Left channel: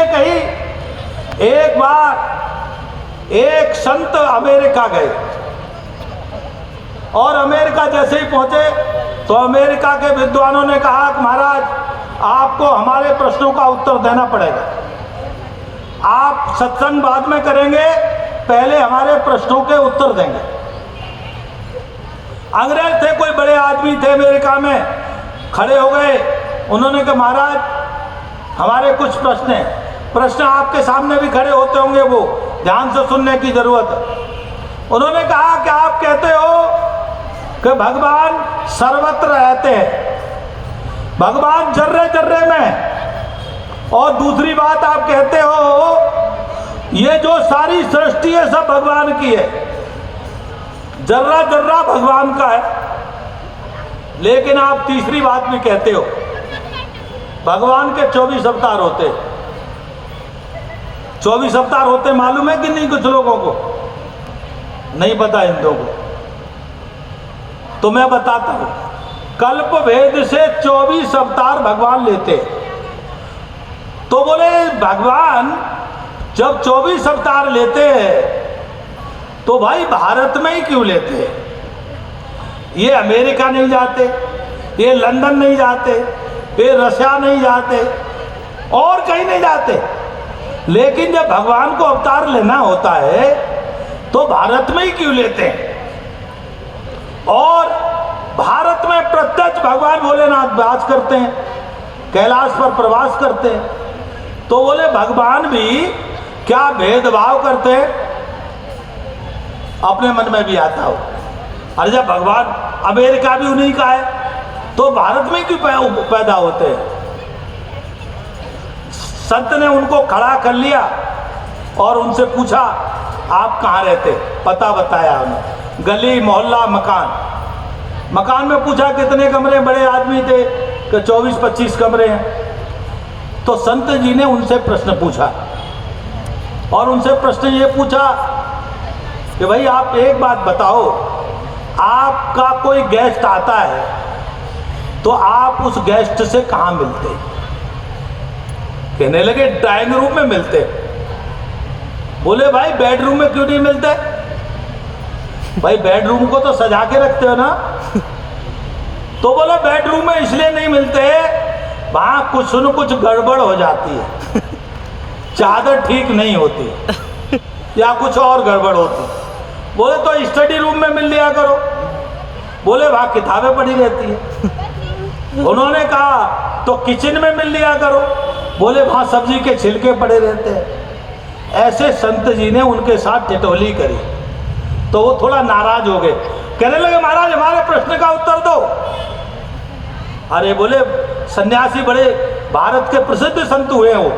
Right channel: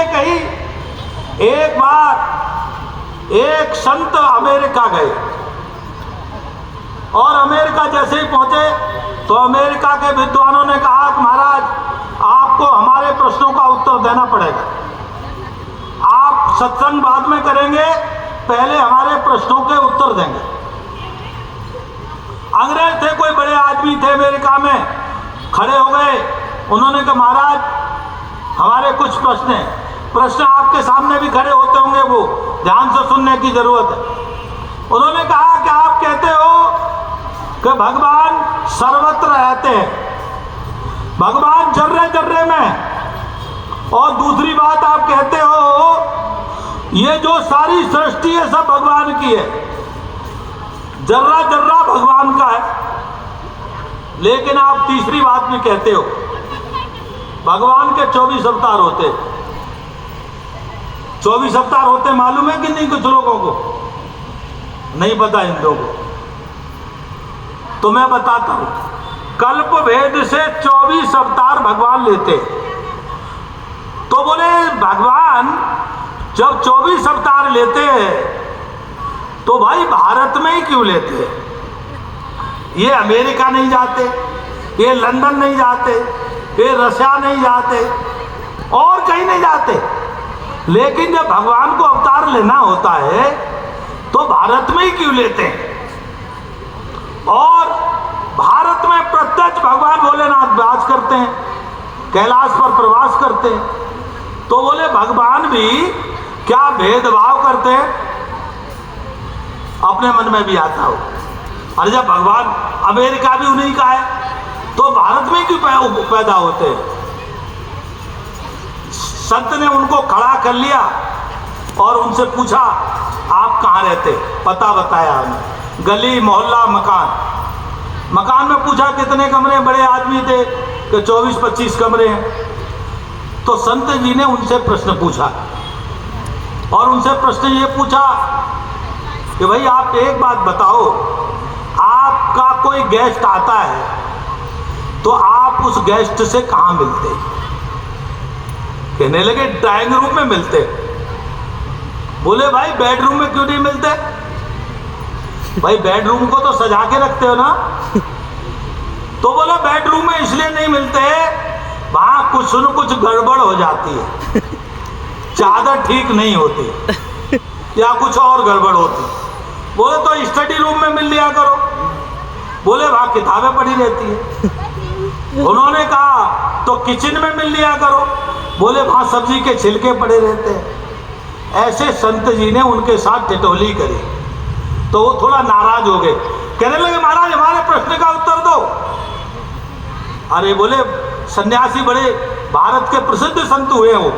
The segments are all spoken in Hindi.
इसलिए कही, एक बार एक संत अमेरिका गए और अमेरिका जैसे ही पहुंचे तो अमेरिका के विद्वानों ने कहा कि महाराज आपको हमारे प्रश्नों का उत्तर देना पड़ेगा, आप सत्संग बाद में करेंगे, पहले हमारे प्रश्नों के उत्तर देंगे। अंग्रेज थे, कोई बड़े आदमी थे अमेरिका में, खड़े हो गए। उन्होंने कहा महाराज हमारे कुछ प्रश्न हैं। प्रश्न आपके सामने भी खड़े होते होंगे, वो ध्यान से सुनने की जरूरत है। उन्होंने कहा कि आप कहते हो कि भगवान सर्वत्र रहते हैं, भगवान जर्रे जर्रे में, और दूसरी बात आप कहते हो ये जो सारी सृष्टि है सब भगवान की है, जर्रा जर्रा भगवान का है। लेकिन आप तीसरी बात भी कहते हो भगवान के 24 अवतार होते। 24 अवतार होते मालूम है कि नहीं? कुछ लोगों को नहीं पता, इन लोगों को तो मैं बताता हूं। कल्प भेद से 24 अवतार भगवान लेते। तो बोले भगवान जब 24 अवतार लेते हैं तो भाई भारत में ही क्यों लेते हैं? ये अमेरिका नहीं जाते, ये लंदन नहीं जाते, ये रशिया नहीं जाते, और कहीं नहीं जाते। लेकिन जब भगवान को अवतार लेना होता है तो भारत में ही क्यों लेते हैं? और भारत में प्रत्यक्ष भगवान भोलेनाथ वास करते हैं, कैलाश पर प्रवास करते हैं। तो बोले भगवान भी क्या भेदभाव करते हैं? अपने मन में भी आता हो। अरे जब भगवान अमेरिका भी उन्हीं का है तो भारत में क्यों पैदा होते हैं? संत ने उनको खड़ा कर लिया और उनसे पूछा आप कहाँ रहते? पता बताया हमें, गली मोहल्ला मकान। मकान में पूछा कितने कमरे? बड़े आदमी थे तो 24-25 कमरे हैं। तो संत जी ने उनसे प्रश्न पूछा और उनसे प्रश्न ये पूछा कि भाई आप एक बात बताओ, आपका कोई गेस्ट आता है तो आप उस गेस्ट से कहाँ मिलते? कहने लगे ड्राइंग रूम में मिलते। बोले भाई बेडरूम में क्यों नहीं मिलते? भाई बेडरूम को तो सजा के रखते हो ना। तो बोले बेडरूम में इसलिए नहीं मिलते, वहां कुछ न कुछ गड़बड़ हो जाती है, चादर ठीक नहीं होती या कुछ और गड़बड़ होती। बोले तो स्टडी रूम में मिल लिया करो। बोले वहां किताबें पड़ी रहती है। उन्होंने कहा तो किचन में मिल लिया करो। बोले वहां सब्जी के छिलके पड़े रहते हैं। ऐसे संत जी ने उनके साथ टिटोली करी तो वो थोड़ा नाराज हो गए। कहने लगे महाराज हमारे प्रश्न का उत्तर दो। अरे बोले सन्यासी बड़े भारत के प्रसिद्ध संत हुए हो।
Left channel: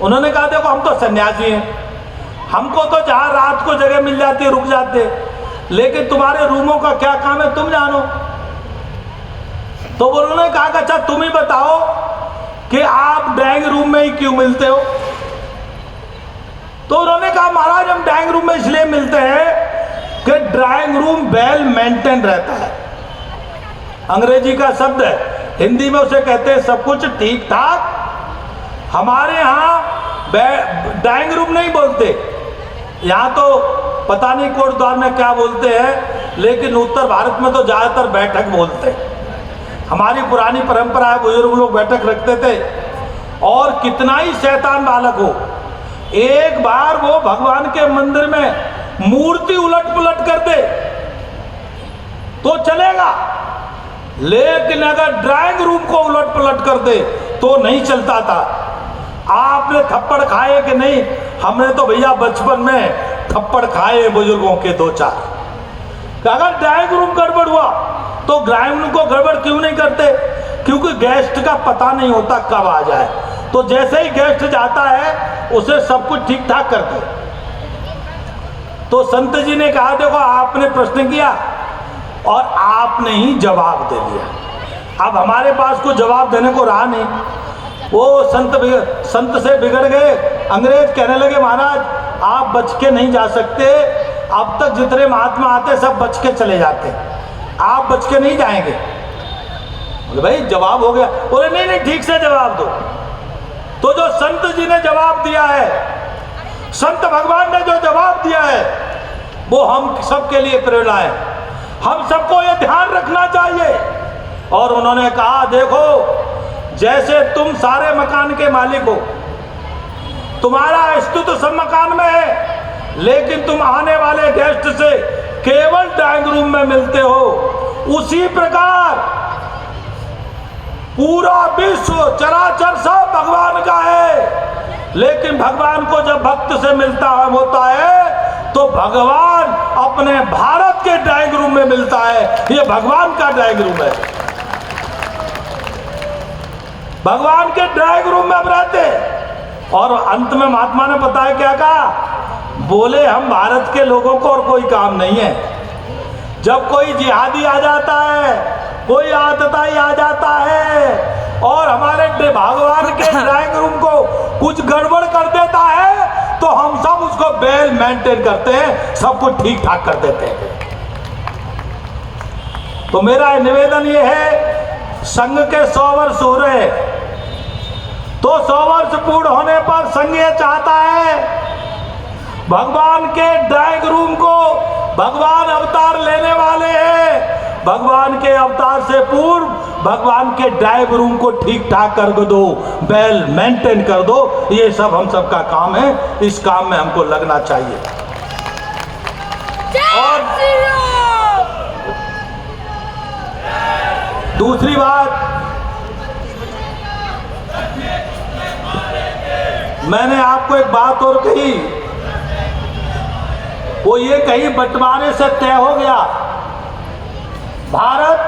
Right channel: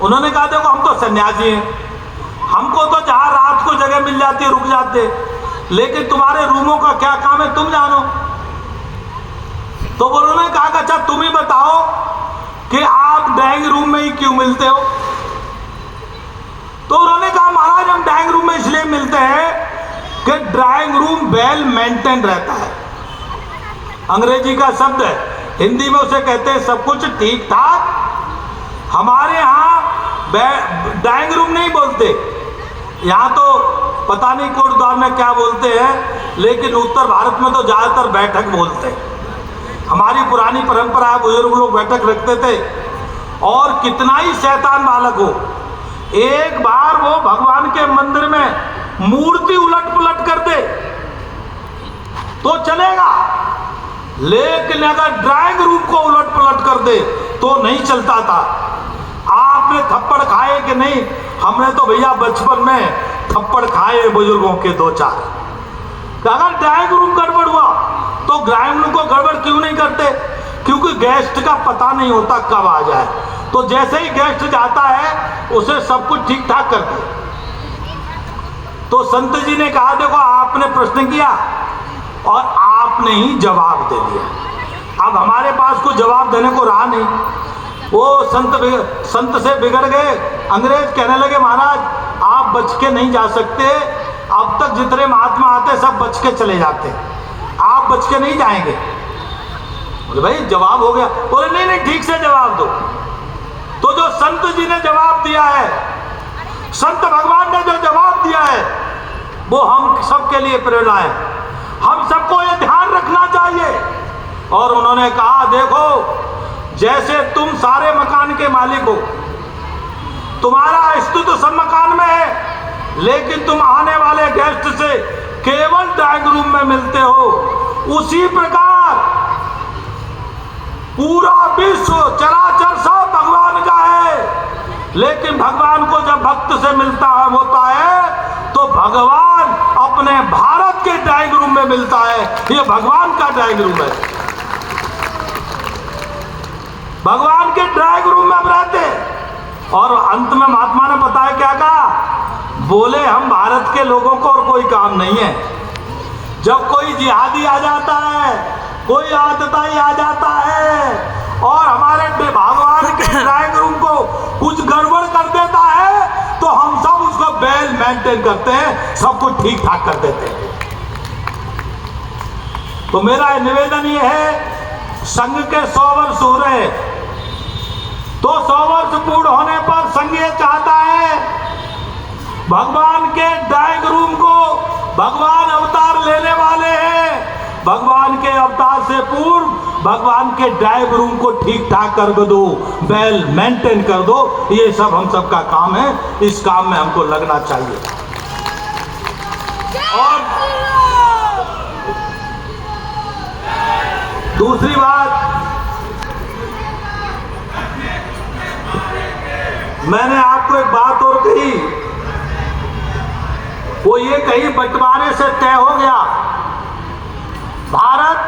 उन्होंने कहा देखो हम तो सन्यासी हैं, हमको तो जहाँ रात को जगह मिल जाती है रुक जाते, लेकिन तुम्हारे रूमों का क्या काम है तुम जानो। तो उन्होंने कहा अच्छा तुम ही बताओ कि आप ड्राइंग रूम में ही क्यों मिलते हो? तो उन्होंने कहा महाराज हम ड्राइंग रूम में इसलिए मिलते हैं कि ड्राइंग रूम वेल मेंटेन रहता है। अंग्रेजी का शब्द है, हिंदी में उसे कहते हैं सब कुछ ठीक ठाक। हमारे यहाँ ड्राइंग रूम नहीं बोलते, यहाँ तो पता नहीं कोट द्वार में क्या बोलते हैं, लेकिन उत्तर भारत में तो ज़्यादातर बैठक बोलते हैं। हमारी पुरानी परंपरा है, बुजुर्ग लोग बैठक रखते थे। और कितना ही शैतान बालक हो, एक बार वो भगवान के मंदिर में मूर्ति उलट पुलट कर दे तो चलेगा, लेकिन अगर ड्राइंग रूम को उलट पुलट कर दे तो नहीं चलता था। आपने थप्पड़ खाए कि नहीं? हमने तो भैया बचपन में थप्पड़ खाए बुजुर्गों के 2-4। अगर ड्राइंग रूम गड़बड़ हुआ तो ड्राइंग रूम को गड़बड़ क्यों नहीं करते? क्योंकि गेस्ट का पता नहीं होता कब आ जाए, तो जैसे ही गेस्ट जाता है उसे सब कुछ ठीक ठाक करते। तो संत जी ने कहा देखो आपने प्रश्न किया और आपने ही जवाब दे दिया, अब हमारे पास कोई जवाब देने को रहा नहीं। वो संत से बिगड़ गए। अंग्रेज कहने लगे महाराज आप बच के नहीं जा सकते, अब तक जितने महात्मा आते सब बच के चले जाते, आप बच के नहीं जाएंगे। बोले भाई जवाब हो गया। बोले नहीं नहीं ठीक से जवाब दो। तो जो संत जी ने जवाब दिया है, संत भगवान ने जो जवाब दिया है, वो हम सबके लिए प्रेरणा है। हम सबको ये ध्यान रखना चाहिए। और उन्होंने कहा, देखो जैसे तुम सारे मकान के मालिक हो, तुम्हारा अस्तित्व सब मकान में है, लेकिन तुम आने वाले गेस्ट से केवल ड्राइंग रूम में मिलते हो, उसी प्रकार पूरा विश्व चराचर सब भगवान का है, लेकिन भगवान को जब भक्त से मिलता होता है तो भगवान अपने भारत के ड्राइंग रूम में मिलता है। ये भगवान का ड्राइंग रूम है। भगवान के ड्राइंग रूम में हम रहते हैं। और अंत में महात्मा ने बताया, क्या कहा, बोले हम भारत के लोगों को और कोई काम नहीं है। जब कोई जिहादी आ जाता है, कोई आतताई आ जाता है और हमारे भगवान के ड्राइंग रूम को कुछ गड़बड़ कर देता है, तो हम सब उसको वेल मेंटेन करते हैं, सब कुछ ठीक ठाक कर देते हैं। तो मेरा निवेदन ये है, संघ के 100 वर्ष हो रहे हैं, तो 100 वर्ष पूर्ण होने पर संघ ये चाहता है भगवान के ड्राइंग रूम को, भगवान अवतार लेने वाले हैं, भगवान के अवतार से पूर्व भगवान के ड्राइंग रूम को ठीक ठाक कर दो, वेल मेंटेन कर दो। ये सब हम सब का काम है, इस काम में हमको लगना चाहिए। और दूसरी बात, मैंने आपको एक बात और कही, वो ये कहीं बंटवारे से तय हो गया। भारत